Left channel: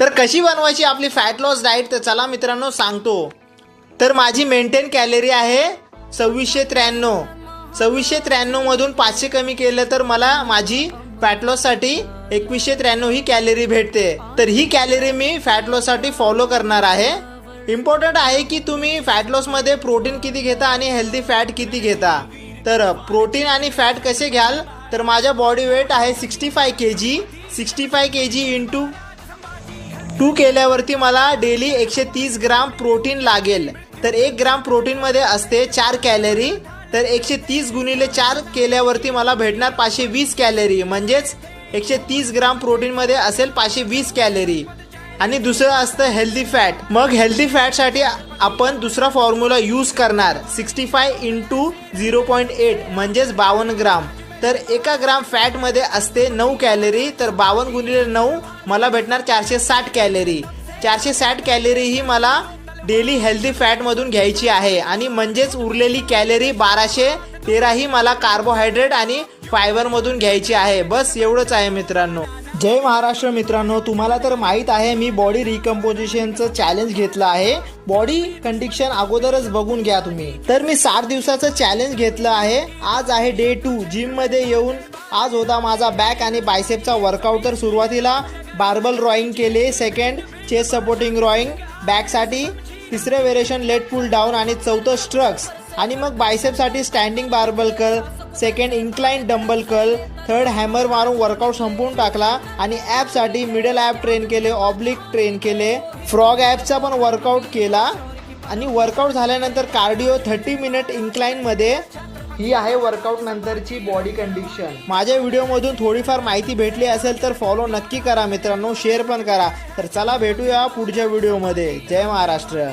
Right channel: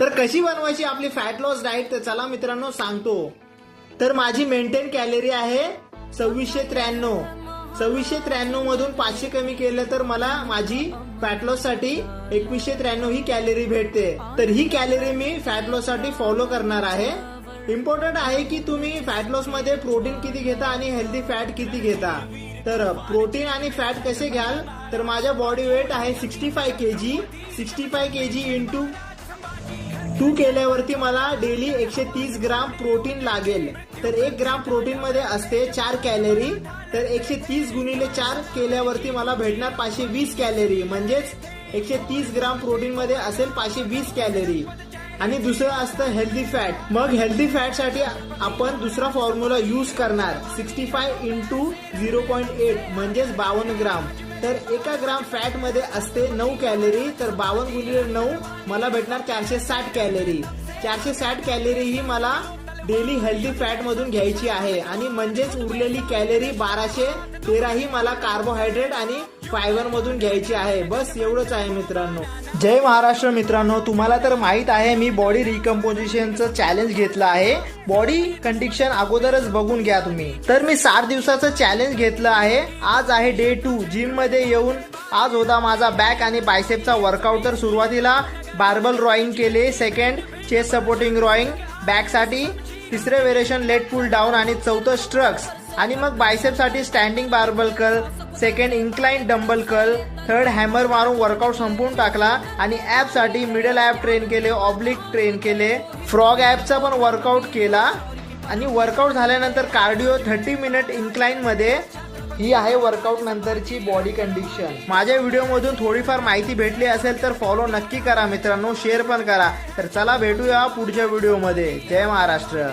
तर कशी बनवायची आपली फॅट लॉस डाएट तर चला मित्रांनो सांगतो। तर माझी मेंटेन कॅलरी आहे 2693। 2693 मधून 500 कमी केलं तर मला माझी फॅट लॉस साठी 2193 ही कॅलरी भेटते। तर ही कॅलरी मी फॅट लॉस साठी फॉलो करणार आहे। इम्पॉर्टंट आहे की तुम्ही फॅट लॉस मध्ये प्रोटीन किती घेता आणि हेल्दी फॅट किती घेता। तर प्रोटीन आणि फॅट कसे घ्याल तर माझा बॉडी वेट आहे 65 kg। 65 kg इंटू 2 केल्यावरती मला डेली 130 ग्राम प्रोटीन लागेल। तर 1 ग्राम प्रोटीन मध्ये असते 4 कॅलरी। तर 130 गुणिले 4 केल्यावरती मला भेटणार 520 कॅलरी, म्हणजेच 130 ग्राम प्रोटीन मध्ये असेल 520 कॅलरी। आणि दुसरं असतं हेल्दी फॅट। मग हेल्दी फॅट साठी आपण दुसरा फॉर्म्युला यूज करणार 65 इंटू 0.8 म्हणजेच 52 ग्राम। तर 1 ग्राम फॅट मध्ये असते 9 कॅलरी। तर 52 गुणिले 9 मला भेटणार 460 कॅलरी। 460 कॅलरी ही मला डेली हेल्दी फॅट मधून घ्यायची आहे आणि म्हणजेच उरलेली कॅलरी 1213 ही मला कार्बोहायड्रेट आणि फायबर मधून घ्यायची आहे। बस एवढंच आहे मित्रांनो। जय महाराष्ट्र मित्रांनो, तुम्हाला तर माहित आहे मी बॉडी रिकम्पोजिशनचं चॅलेंज घेतलं आहे। बॉडी कंडिशन अगोदरच बघून घ्या तुम्ही। तर मी 7 दिवसाचं चॅलेंज घेतलं आहे। आज आहे डे 2। जिम मध्ये येऊन आज होता माझा बॅक आणि बायसेपचा वर्कआउट। तर सुरुवातीला बार्बल रॉईंग केले, सेकंड चेस्ट सपोर्टिंग रॉईंग बॅक साठी, तिसरे व्हेरिएशन लेट पुल डाऊन आणि चौथं स्ट्रक्स, आणि मग बायसेप साठी standing barbell curl, second incline dumbbell curl, third hammer मारून वर्कआउट संपवून टाकला। आणि ॲप साठी मिडल ॲप ट्रेन केले, ऑब्लिक ट्रेन केले, फ्रॉग ॲपचा पण वर्कआउट केला। आणि वर्कआउट झाल्यानंतर कार्डिओ 30 मिनिट इन्क्लाइन मध्ये। ही आहे वर्कआउट नंतरची बॉडी कंडिशन। माझ्या व्हिडिओमधून थोडीफार माहिती भेटली असेल तर फॉलो नक्की करा मित्रांनो, शेअर पण करा। तर चला भेटूया पुढच्या व्हिडिओमध्ये। जय महाराष्ट्र।